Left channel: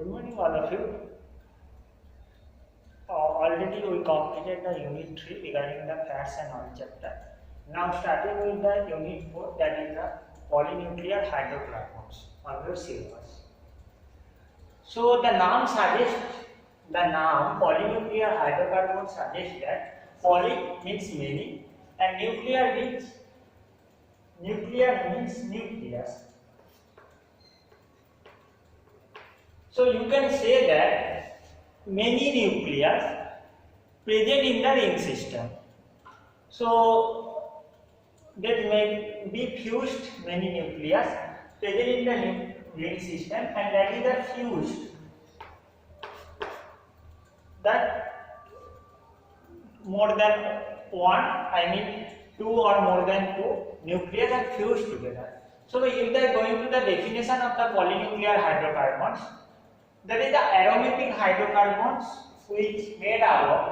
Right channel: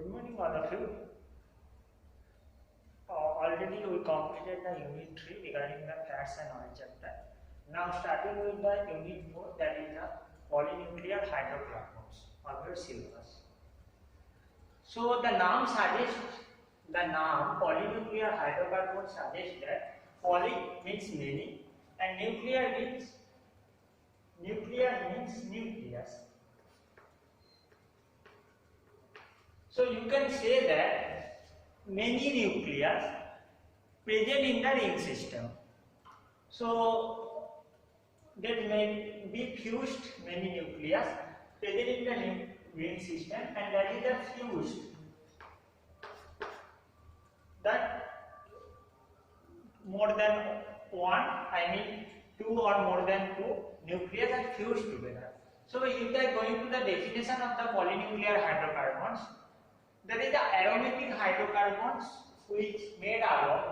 Good morning, all of you. Already we completed the unit 3 regarding the fats and oil chapter. Now starting with the unit 4, that is the polynuclear hydrocarbons on your syllabus. So the name polynuclear hydrocarbons suggests that poly means many and nuclear means nucleus. So you can say that many nucleus present in the ring system. So that may be fused many nucleus present in the ring system, and that is the fused, that more than one, I mean two or more than two nucleus are fused together. So if they are going to the definition of the polynuclear hydrocarbons, that is the aromatic hydrocarbons which made up of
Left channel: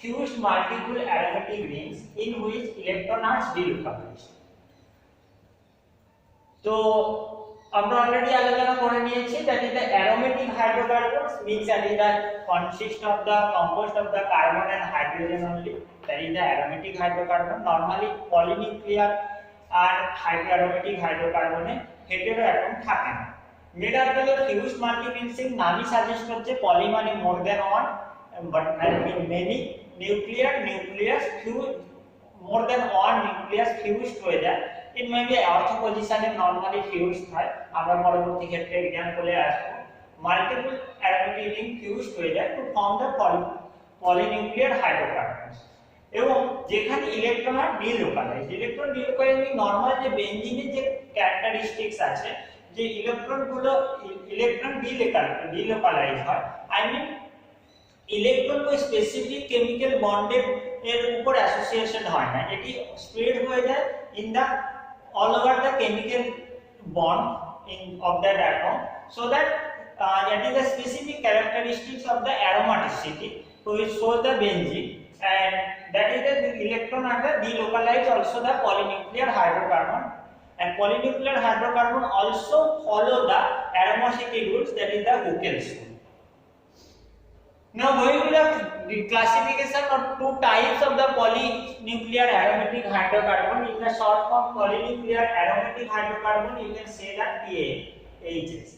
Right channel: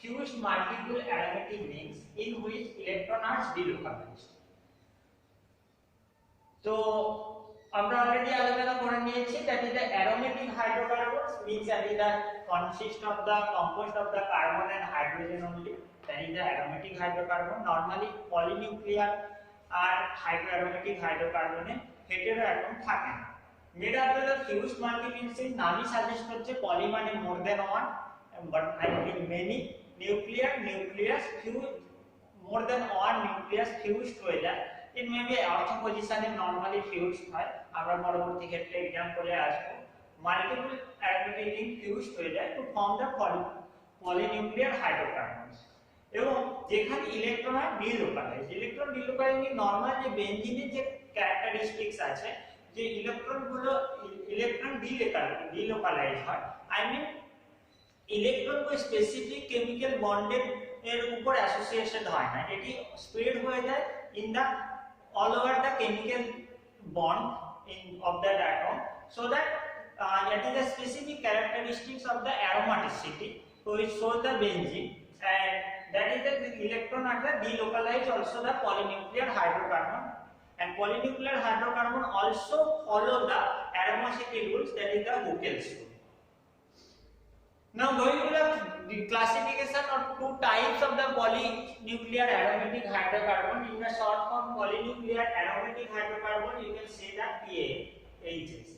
fused multiple aromatic rings in which electron are delocalized. So আমরা অলরেডি আলোচনা করে নিয়েছি that is the aromatic hydrocarbons means that is the consist of the composed of the carbon and hydrogen only, that is the aromatic hydrocarbon. Normally polynuclear R aromatic hydrocarbon A hetero atom থাকে না। made up of the fused multiple rings নামই সাজেস্ট করছে পলি মানে more than one, but many nucleus fused more than one nucleus fused হয়ে যায়। it may be ortho position A normally fused হয়, আমরা পরবর্তী ক্ষেত্রে एग्जांपल-এ আসব। multiple aromatic ring fused হয়ে যায় to form the polynuclear hydrocarbons, এবং যেখানে ইলেকট্রন আর ডিলোকালাইজ। ইলেকট্রন ডিলোকালাইজিং নরমাল যে বেনজিনের যে ক্যারেক্টারিস্টিক্স আছে, যে ইলেকট্রনগুলো ইলেকট্রন ডিলোকালাইজ হয়, আই মিন ইলেকট্রন কোই স্পেসিফিক কেমিক্যাল বন্ডের এর উপর অ্যাসোসিয়েশন হয় না, এটি স্প্রেড হয়ে যায় in the all over the chemical bond of that atom, so that that is the specific characteristics of the aromaticity, so it shows the benzene, and that is the electron are the delocalized also the polynuclear hydrocarbon, and polynuclear hydrocarbon also follow the aromacity rules, that is the Huckel's rule. Now going to the classification of two types of the polynuclear aromatic hydrocarbon. In the short form polynuclear aromatic hydrocarbon, you can say that PAHs.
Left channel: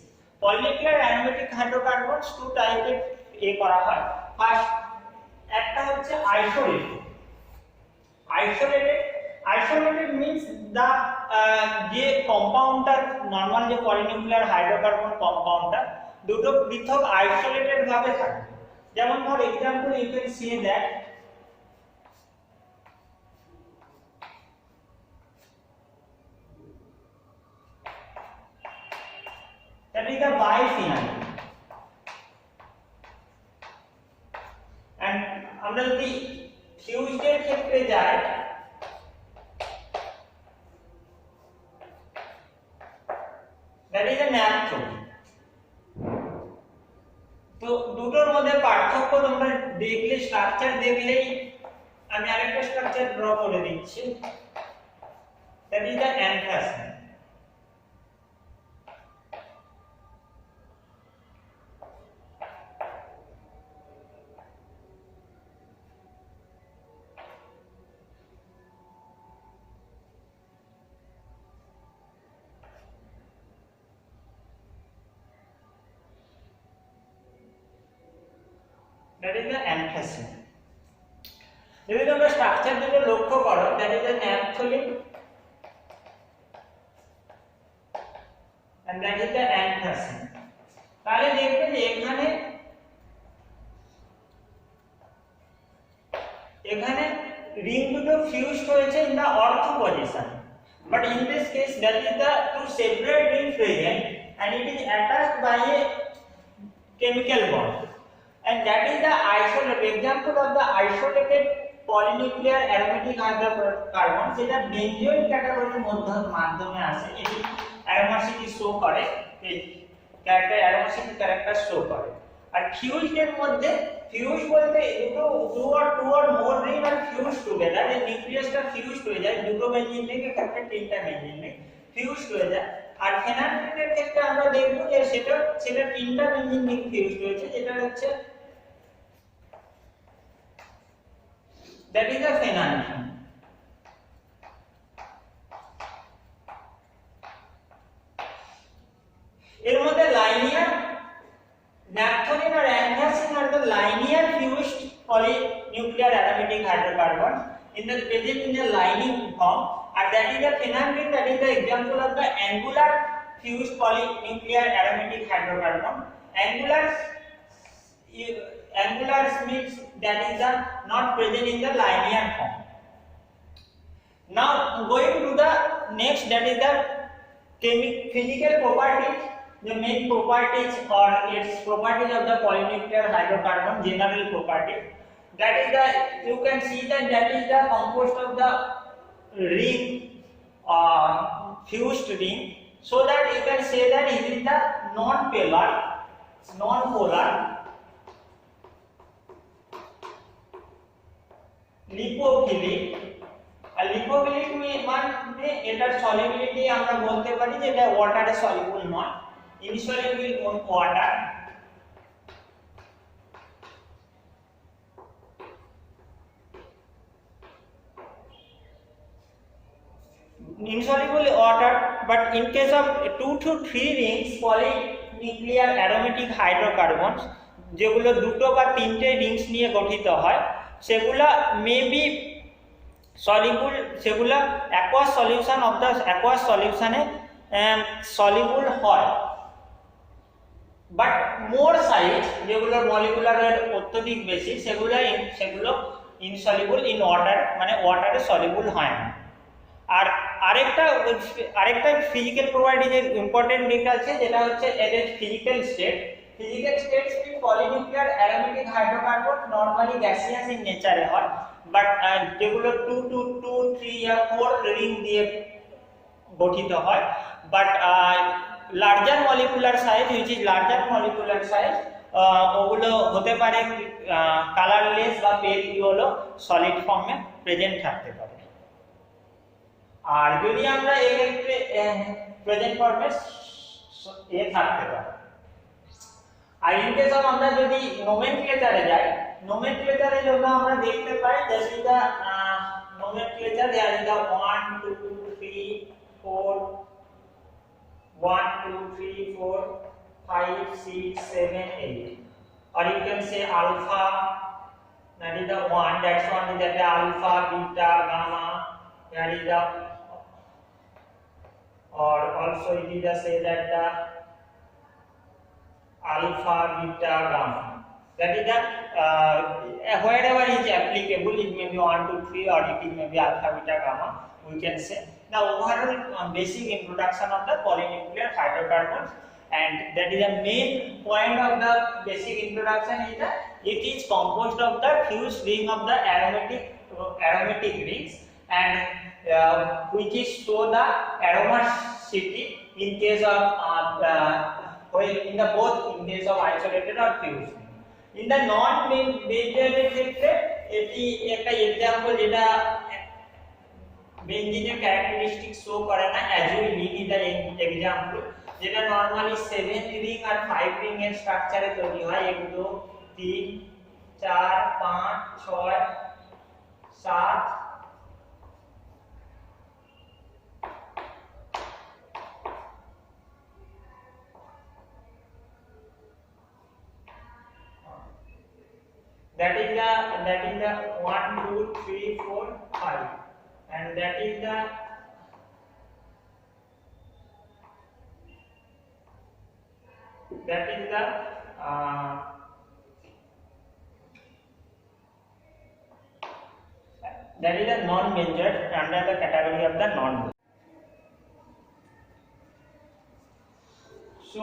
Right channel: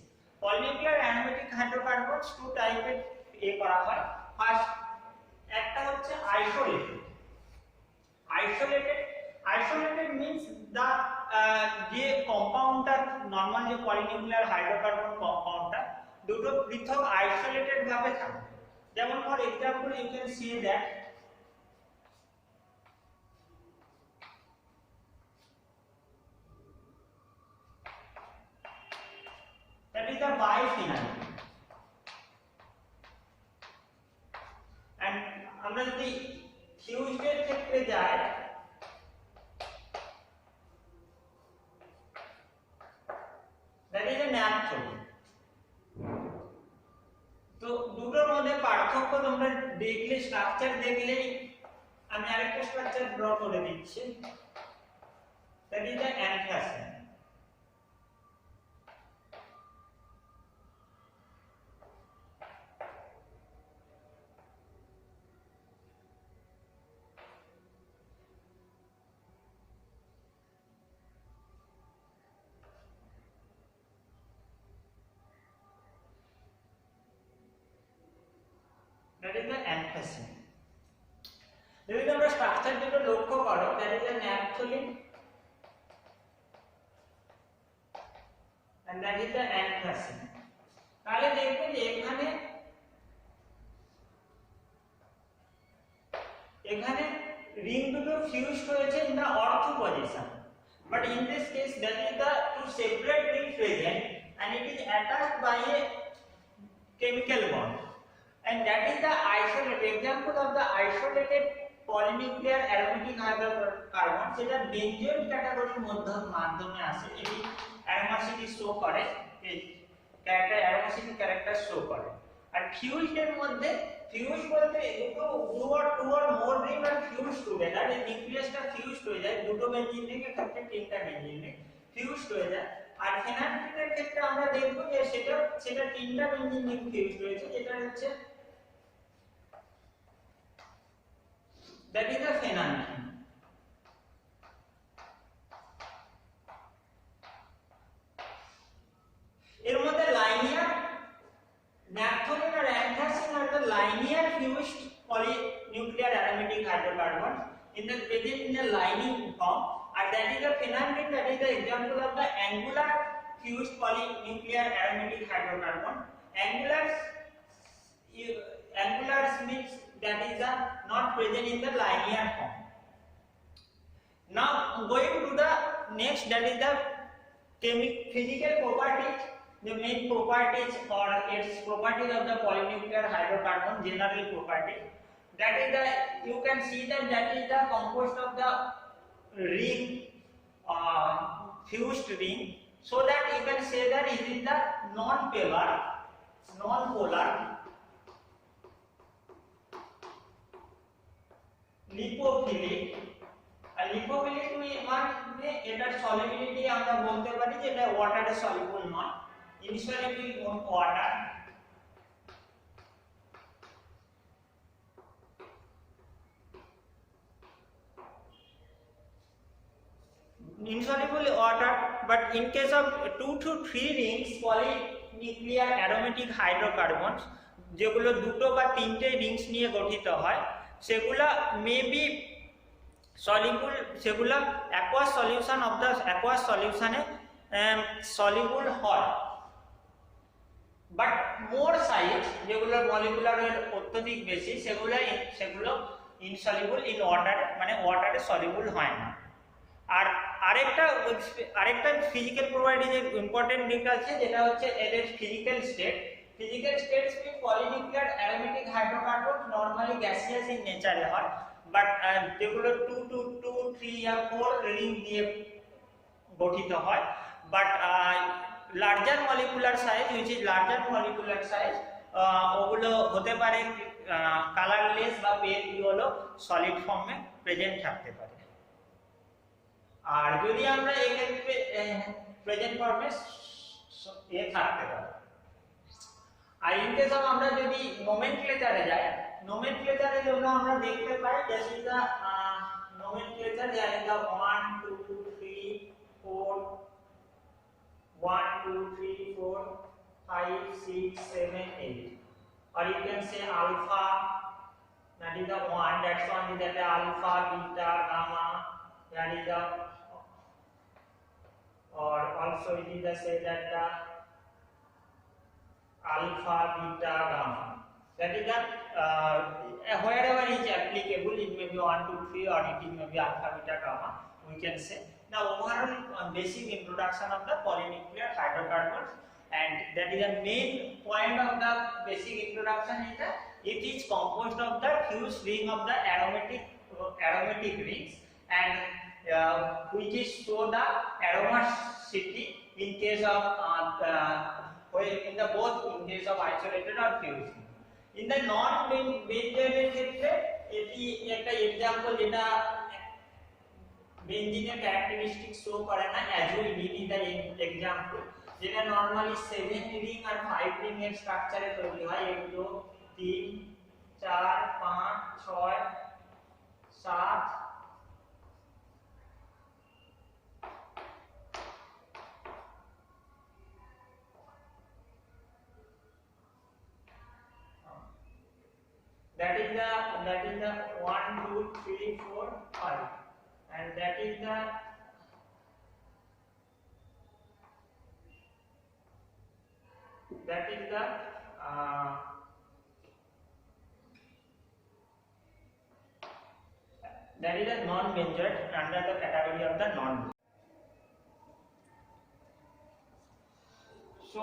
Polynuclear aromatic hydrocarbons two type এ করা হয়। ফার্স্ট একটা হচ্ছে isolated means the যে কম্পাউন্ডটা নরমাল যে polynuclear hydrocarbon কম্পাউন্ডটা দুটো পৃথক আইসোলেটেড ভাবে থাকে। যেমন for example you can see that is the biphenyl, and আমরা যদি ফিউজড এর ক্ষেত্রে যাই, that is a naphthalene. তো দুটোর মধ্যে পার্থক্য তোমরা দেখলে, স্ট্রাকচার দেখলেই, আমি আরেকটা স্ট্রাকচার ড্র করে দিচ্ছি, that is the anthracene. That is the anthracene. যদি তোমরা স্ট্রাকচার দুটো লক্ষ্য করো, that is the naphthalene and that is the anthracene, তাহলে দেখবে যে এখানে রিং দুটো ফিউজড হয়েছে in the ortho position, but in this case that is the two separate ring present and it is attached by a chemical bond, and that is the isolated example of the isolated polynuclear aromatic hydrocarbon, যেটা বেনজিওল ক্যাটাগরির মাধ্যমে আসে। এটি অ্যারোমাসিটি শো করে, এই ক্যারেক্টার অ্যারোমাসিটি ক্যারেক্টার শো করে। আর ফিউজড এর মধ্যে, ফিউজ বলতে টু অর মোর রিং আর ফিউজ টুগেদার, এই নিউক্লিয়াসটা ফিউজড হয়ে যায়, দুটো বেনজিন থেকে ক্ষেত্রে তিনটা বেনজিন ফিউজড হয়ে যায়। আর ফেনালফিনের ক্ষেত্রে আমরা দেখব যে সেটা তিনটা বেঞ্জিন রিং ফিউজড হয়েছে, যেটা হচ্ছে দ্যাট ইজ দ্য ফেনালফিন। এর মধ্যে লাইনিয়ার ন্যাপথলিন আর অ্যান্থাসিন আর the linear fused polynuclear aromatic hydrocarbons in the present in the lining form, and that is the phenylene, that is the example of the angular fused polynuclear aromatic hydrocarbon. Angular means that is the not present in the linear form. Now going to the next, that is the physical properties, the main properties or its properties of the polynuclear hydrocarbon, general properties. That is the, you can see that is the composed of the ring, fused ring, so that you can say that it is the non-polar, lipophilic. আর lipophilic মানে এটার solubility আমরা বলতে পারি যে এটা ওয়াটারে soluble নয়, insoluble on water. Insoluble water, but in case of 2 to 3 rings polynuclear aromatic hydrocarbons, যেগুলো দুটো বা তিনটে রিংস নিয়ে গঠিত হয়, সেগুলো মেবি সলিবল, সেগুলো aqueous solution of the aqueous সলিউশনে সলিবল হয়, বাট মোর সাইজ যেগুলো মলিকুলারের অত্যধিক বেশি সেগুলো ইনসলিবল ইন ওয়াটার, মানে ওয়াটারে সলিবল হয় না। আর আরেকটা ফিজিক্যাল প্রপার্টিজের ইম্পর্টেন্ট দিক আছে, যেটা হচ্ছে এদের physical state. Physical states mean polynuclear aromatic hydrocarbons normally gaseous in nature হয়, but যেগুলো 2 to 2, 3 या 4 রিং দিয়ে গঠিত হয়, but larger molecular size, which is larger molecular size, ওগুলো হতে পারে কালারলেস বা পেল ইয়েলো সলিড ফর্মে প্রেজেন্ট থাকতে পারে। আর যদি আমরা এক্ষেত্রে প্রেজেন্ট ফর্মে থাকতে পারে। আর ইন কেস অফ আমরা যদি নোমেনক্লেচারে যাই, নোমেনক্লেচারের জন্য আমরা দেখতে পাই that is the nomenclature, there is the 1 2 3 4 1 2 3 4 5 6 7 8, or you can say alpha, that is the 1, that's one is that alpha, beta, gamma, that is the, or also it is the say that the alpha, beta, gamma, that is the wherever is applicable, it may be 1 2 3 or it may be alpha, beta, gamma, we can say. The overall basic introduction of the polynuclear hydrocarbons, and that is the main point of the basic introduction is that it is composed of the fused ring of the aromatic rings, and which is show the aromaticity in case of in the both in case of isolated or fused. In the non-benzene ক্ষেত্রে এটি একটা एग्जांपल যেটা বেঞ্জিনের characteristic show করে না, অ্যাজুল ring is the example, যেটা নরমালি 7 রিং আর 5 রিং এর স্ট্রাকচারে তৈরি হয়। 1 2 3 4 5 6 7, that is the 1 2 3 4 5, and that is the non-benzoate, under the category of the non-benzoate. So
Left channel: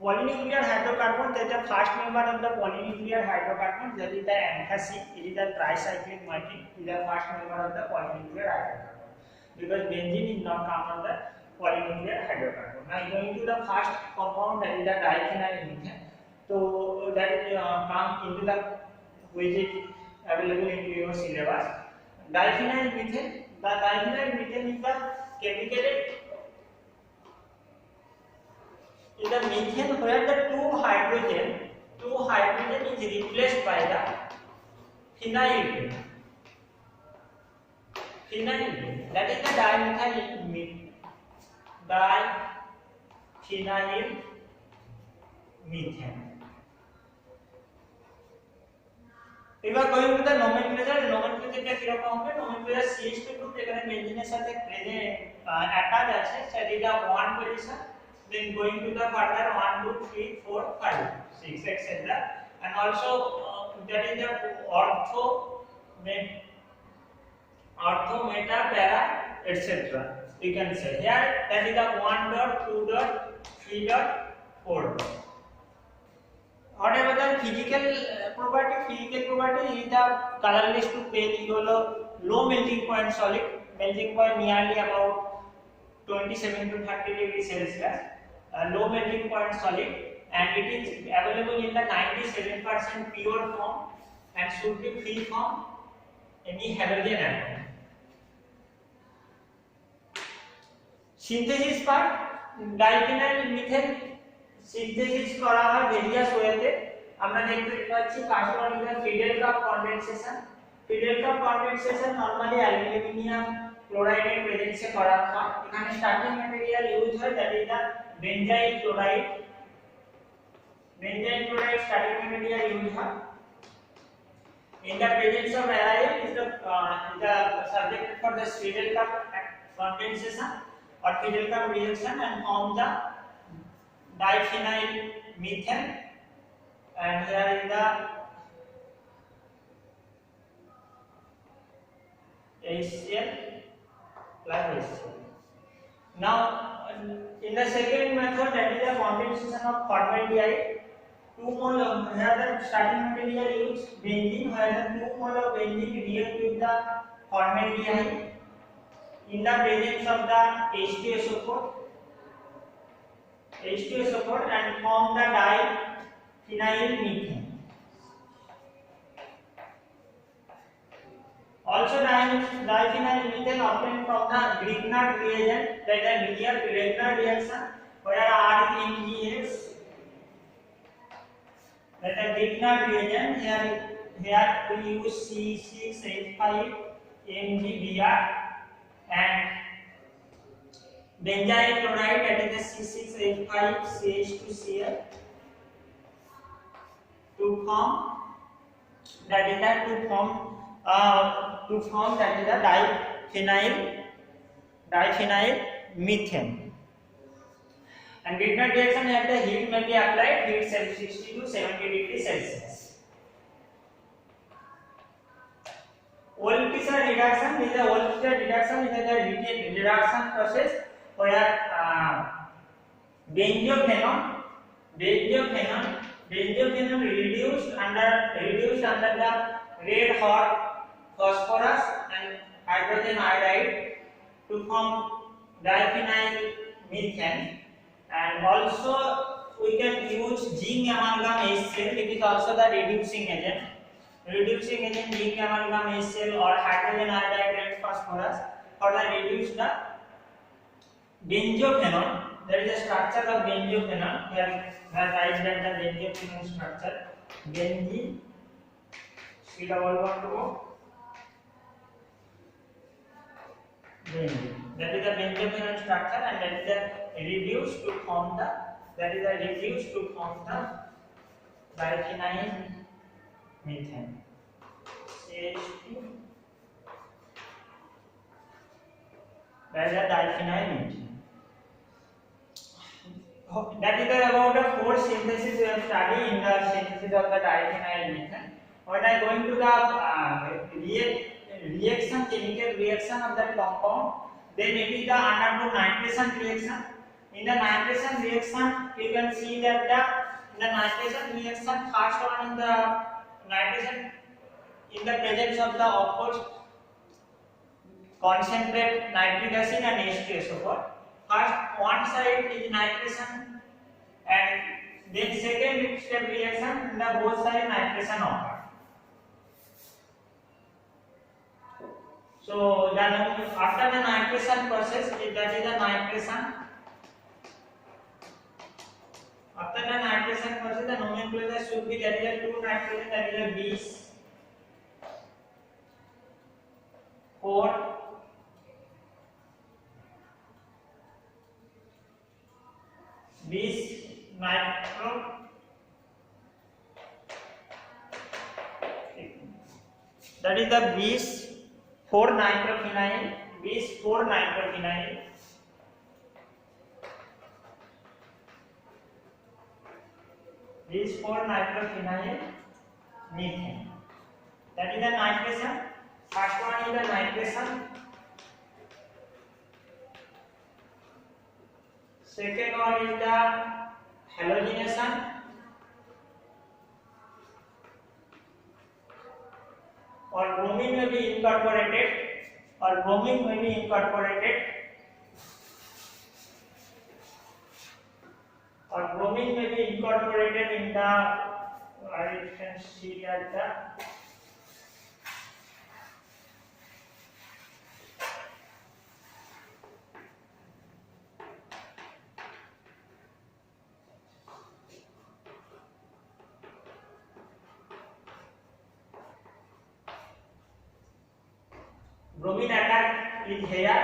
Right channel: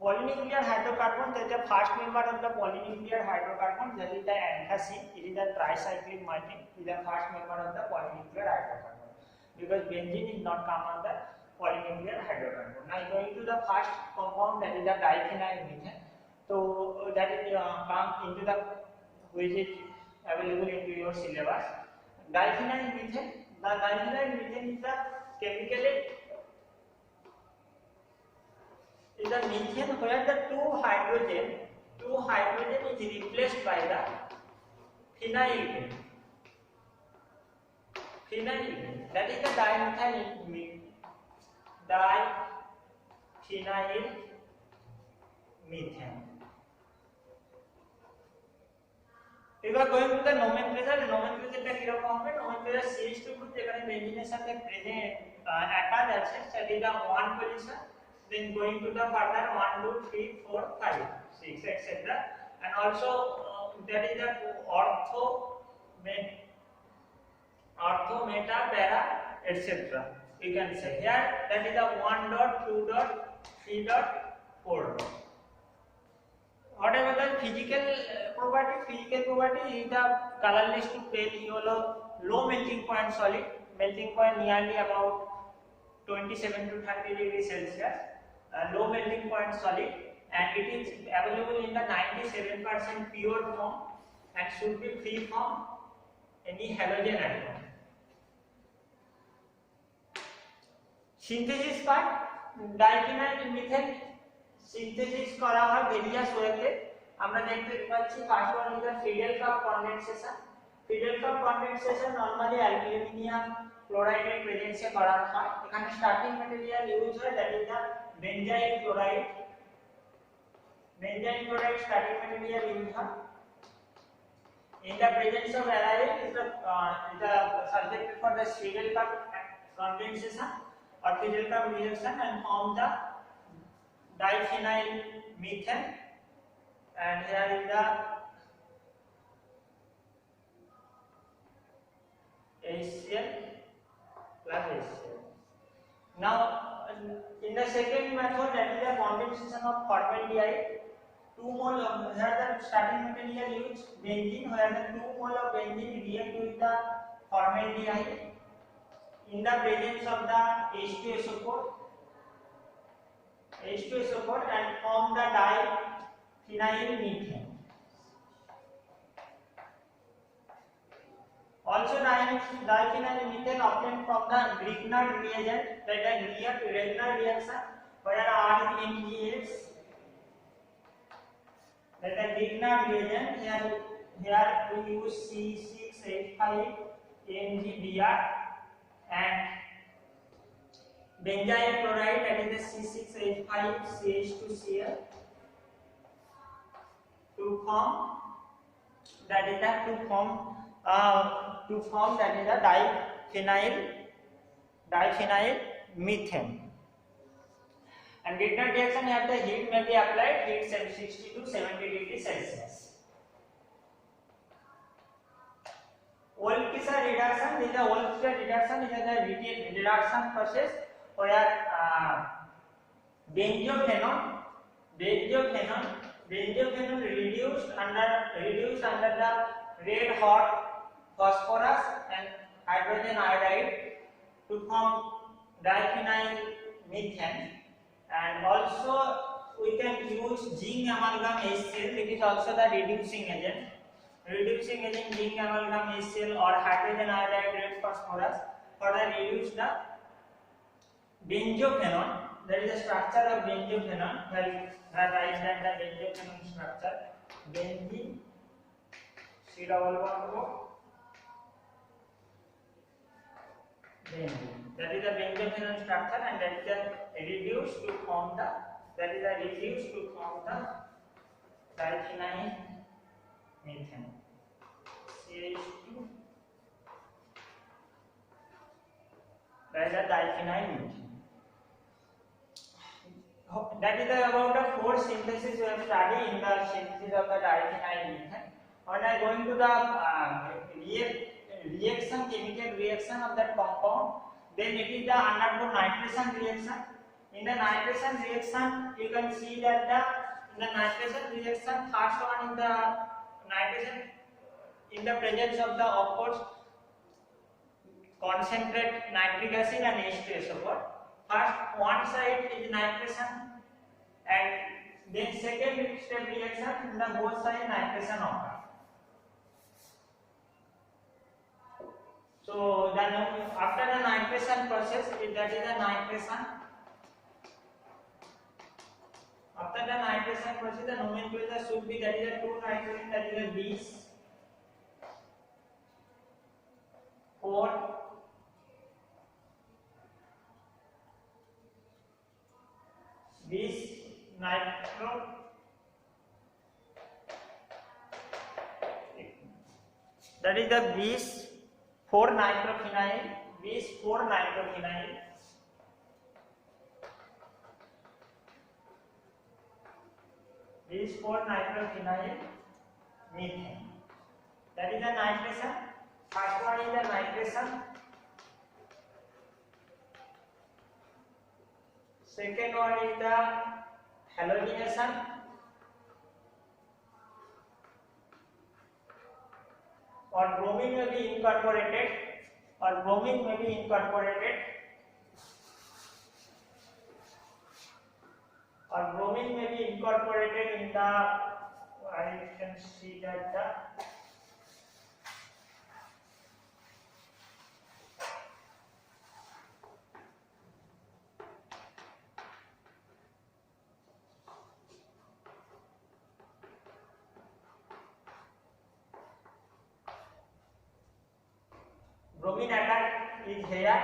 polynuclear hydrocarbon, that is the first member of the polynuclear hydrocarbon, that is the anthracene. It is the tricyclic maltine, it is the first member of the polynuclear hydrocarbon, because benzene is not come on the polynuclear hydrocarbon. Now going to the first compound, that is the diphenyl methane. So that is comes into the, which is available into your syllabus. Diphenyl methane, the diphenyl methane is the chemically methane where the two hydrogen is replaced by the phenyl. That is the diphenyl methane. We are going to the nomenclature. Nomenclature টা কি রকম হবে? Nomenclature CH2 group এখানে বেঞ্জিনের সাথে present attach আছে, সেটা এটা 1 position. Then going to the further 1 2 3 4 5 6 etc. And also that is the ortho meta para etc. We can say here that is the 1 dot 2 dot 3 dot 4 dot. Whatever the physical property is the colorless to pale yellow, low melting point solid, melting point nearly about 27 to 30 degrees Celsius, low melting point solid, and it is available in the 97% pure form and should be free from any halogen atom. Synthesis part, diphenyl methane synthesis করা হয় ভেরিয়াস ওয়েতে। আমরা দেখতে পাচ্ছি first one is the Friedel কাপ condensation. Friedel কাপ condensation normally aluminium ক্লোরাইডের প্রেজেন্সে করা হয়। এখানে স্টার্টিং ম্যাটেরিয়াল ইউজ হয় that is the benzyl chloride. Benzyl chloride starting material use হয়। In the presence of aryl is the subjected for the Friedel cup condensation or Friedel cup reaction and form the diphenyl methane, and here is the HCl plus HCl. Now in the second method, that is the condensation of formaldehyde. 2 mole of here the starting material used benzene, where the 2 mole of benzene react with the formaldehyde in the presence of the H2SO4 and form the diphenyl methane. Also diphenyl methane obtained from the Grignard reagent, that is Grignard reaction, where R is MgX. That is Grignard reagent. Here we use C6H5 MgBr and benzyl chloride, that is the C6H5 CH2Cl to form that is the diphenyl methane. And Grignard reaction at the heat may be applied, heat 60 to 70 degrees Celsius. Wolff-Tischer reduction is the reduction process where benzophenone reduced under the red hot phosphorus and hydrogen iodide to form diphenyl methane. And also we can use zinc amalgam HCl. It is also the reducing agent zinc amalgam HCl or hydrogen iodide red phosphorus for the reduce the benzophenone. There is a structure of benzophenone where write that the benzophenone structure benzene C double bond O benzene. That is the benzophenone structure, and that is the reduced to form the diphenyl methane CH2 that is the diphenyl methane. That is about the 4 synthesis we have studied in the synthesis of the diphenyl methane. When I going to the chemical reaction of that compound, then it is the undergo nitration reaction. In the nitration reaction, you can see that in the nitration reaction, first one is the nitration in the presence of the, of course, concentrate nitric acid and H2SO4. First one side is nitration, and then second step reaction in the both side nitration occur. So then after the nitration process, that is the nitration After the nitration process, the nomenclature should be that is a 2 nitrogen, that is a 20 4 20 nitro, that is the 20 4 nitrophenyl, 20 4 nitrophenyl, 20 4 nitrophenyl methane. That is the nitration. First one is the nitration. Second one is the halogenation. Or bromine may be incorporated. Or bromine may be incorporated. Or bromine may be incorporated in the, I can see that the bromine atom is here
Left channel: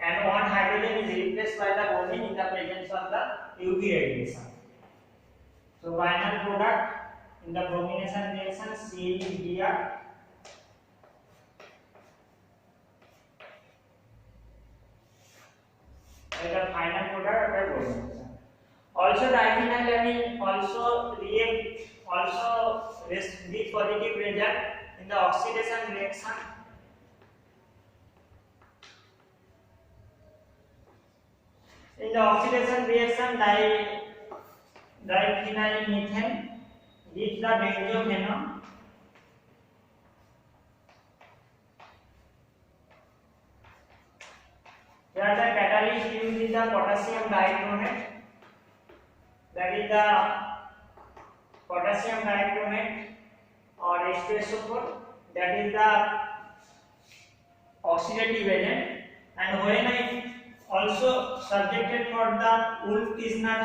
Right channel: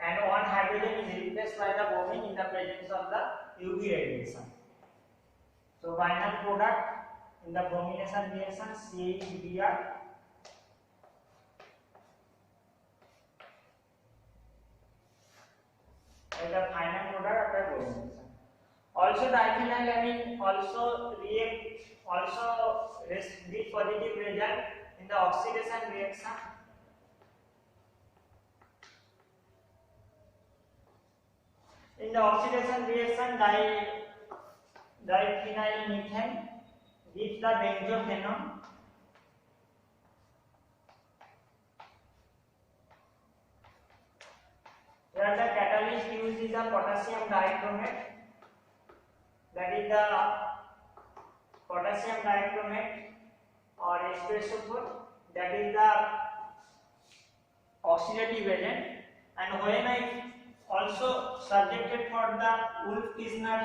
and one hydrogen is replaced by the bromine in the presence of the UV radiation. So final product in the bromination reaction CaBr is the final product of the bromination. Also diphenylamine also react this positive result in the oxidation reaction. In the oxidation reaction, diphenylmethane gives the benzophenone. Here the catalyst used is the potassium dichromate. That is the potassium dichromate or H2SO4. That is the oxidative agent. And when I also subjected for the Wolff-Kishner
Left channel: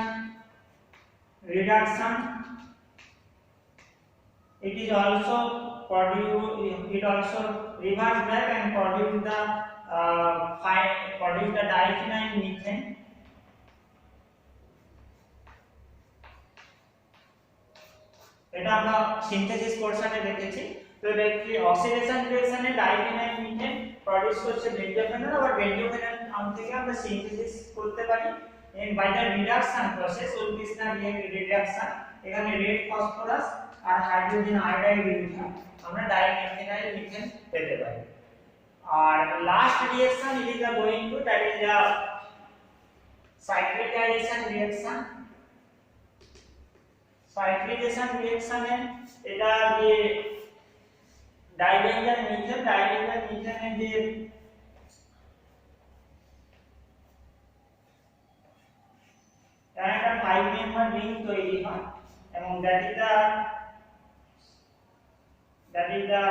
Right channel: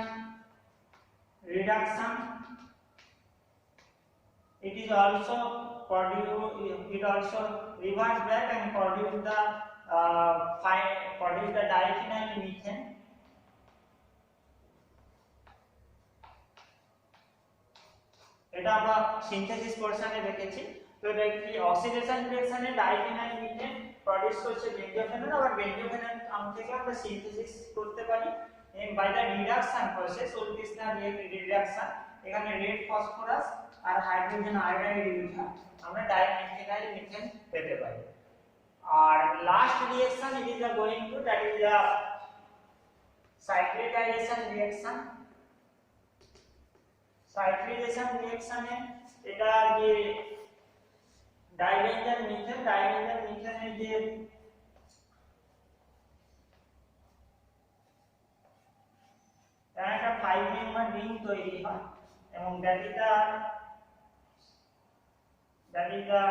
reduction, it is also reverse back and produce the diphenylmethane. এটা আমরা সিনথেসিস পোরশনে দেখেছি। তো দেখি অক্সিডেশন রিঅ্যাকশনে ডাইফেনাইলমিথেন প্রডিউস করছে বেনজোফেনল, আবার বেনজোফেনল থেকে আমরা সিনথেসিস করতে পারি by the reduction process, Wolff-Kishner রিডাকশন। এখানে রেড ফসফরাস আর হাইড্রোজেন আয়োডাইড ইউজ হয়, আমরা ডাইমেথাইলমিথেন পেতে পারি। আর last reaction it is going to that is the cyclisation reaction. Cyclisation রিঅ্যাকশনে এটা যে ডাইবেনজেন মিথেনের যে একটা 5 মেম্বার রিং তৈরি হয় এবং that is the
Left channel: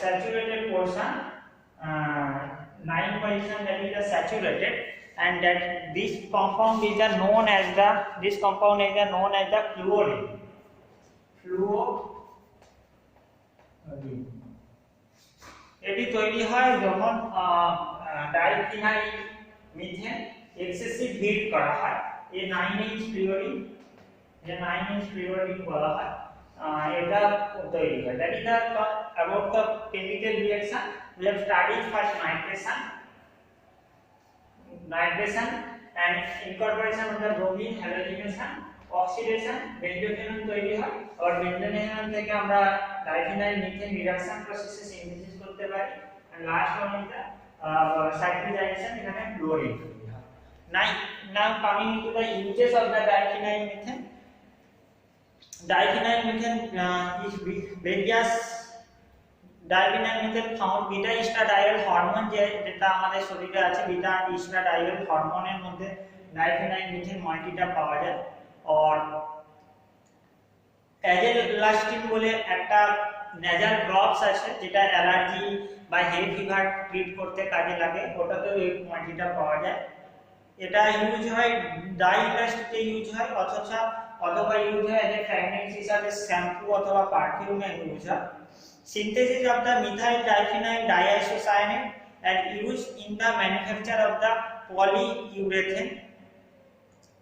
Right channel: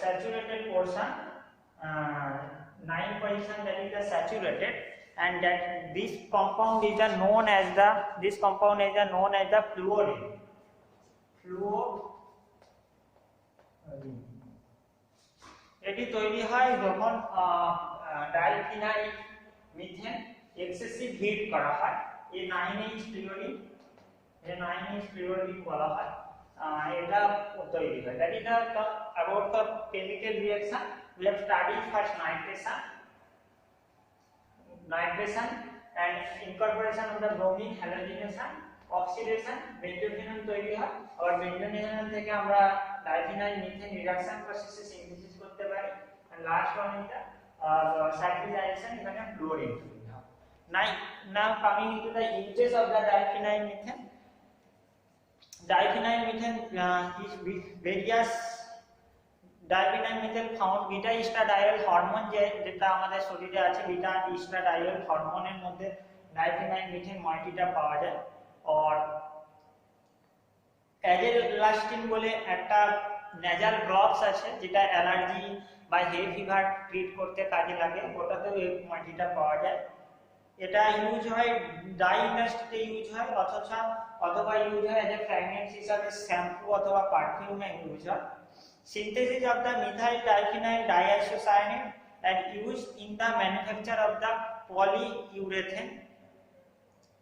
saturated portion, 9% that is the saturated, and that this compound is known as the fluorine. এটি তৈরি হয় যখন ডাইফিনাইল মিথেন এক্সেসিভ হিট করা হয়। এই 9H ফ্লুরিন বলা হয়, এটা তৈরি হয়। that is the about the chemical reaction. We have studied first nitration and incorporation of the bromine, halogenation, oxidation, benzophenone তৈরি হয়। আর benzophenone থেকে আমরা ডাইফিনাইল মিথেন রিডাকশন প্রসেসে সিনথেসিস করতে পারি। and last one is the cyclization, এখানে ফ্লুরিন তৈরি হয়। now coming into the uses of the diphenyl methane. Diphenyl methane is various diphenyl methane found beta estradiol hormone যেটা আমাদের শরীরে আছে, বিটা estradiol হরমোনের মধ্যে ডাইফেনাইল মিথেন মাল্টিটা পাওয়া যায়। আর অ্যাজেলাস্টিন বলে একটা নেজাল ড্রপস আছে যেটা অ্যালার্জি বা হে ফিভার ট্রিট করতে কাজে লাগে, ওটাতেও এই মাল্টিটা পাওয়া যায়। এটা ইউজ হয় ডাই ইন্ডাস্ট্রিতে ইউজ হয় অথবা ইউজ হয় এজ এ ফ্র্যাগনেন্স হিসাবে শ্যাম্পু অথবা পারফিউমে ইউজ হয়। Synthesis of the methyl diphenyl diisocyanate and used in the manufacture of the polyurethane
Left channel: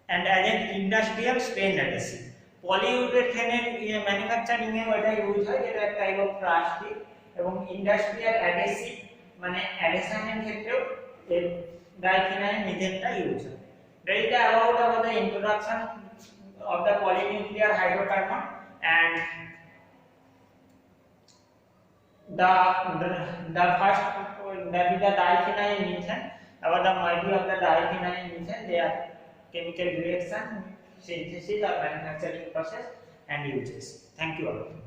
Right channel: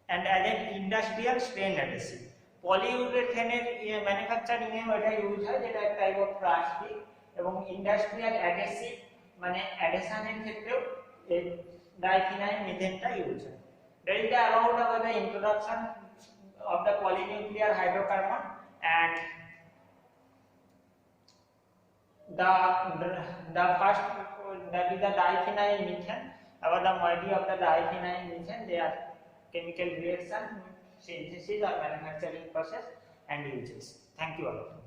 and as an industrial stain adhesive. Polyurethane এর ম্যানুফ্যাকচারিং এ এটা ইউজ হয়, যেটা একটা টাইপ অফ প্লাস্টিক, এবং ইন্ডাস্ট্রিয়াল অ্যাডহেসিভ মানে অ্যাডহেশনের ক্ষেত্রেও এই ডাইফিনাইল মিথেনটা ইউজ হয়। That is about the introduction of the polynuclear hydrocarbon and the first, that is the diphenyl methane. About the moiety of the diphenyl methane, their chemical reaction, synthesis or manufacturing process and uses. Thank you all.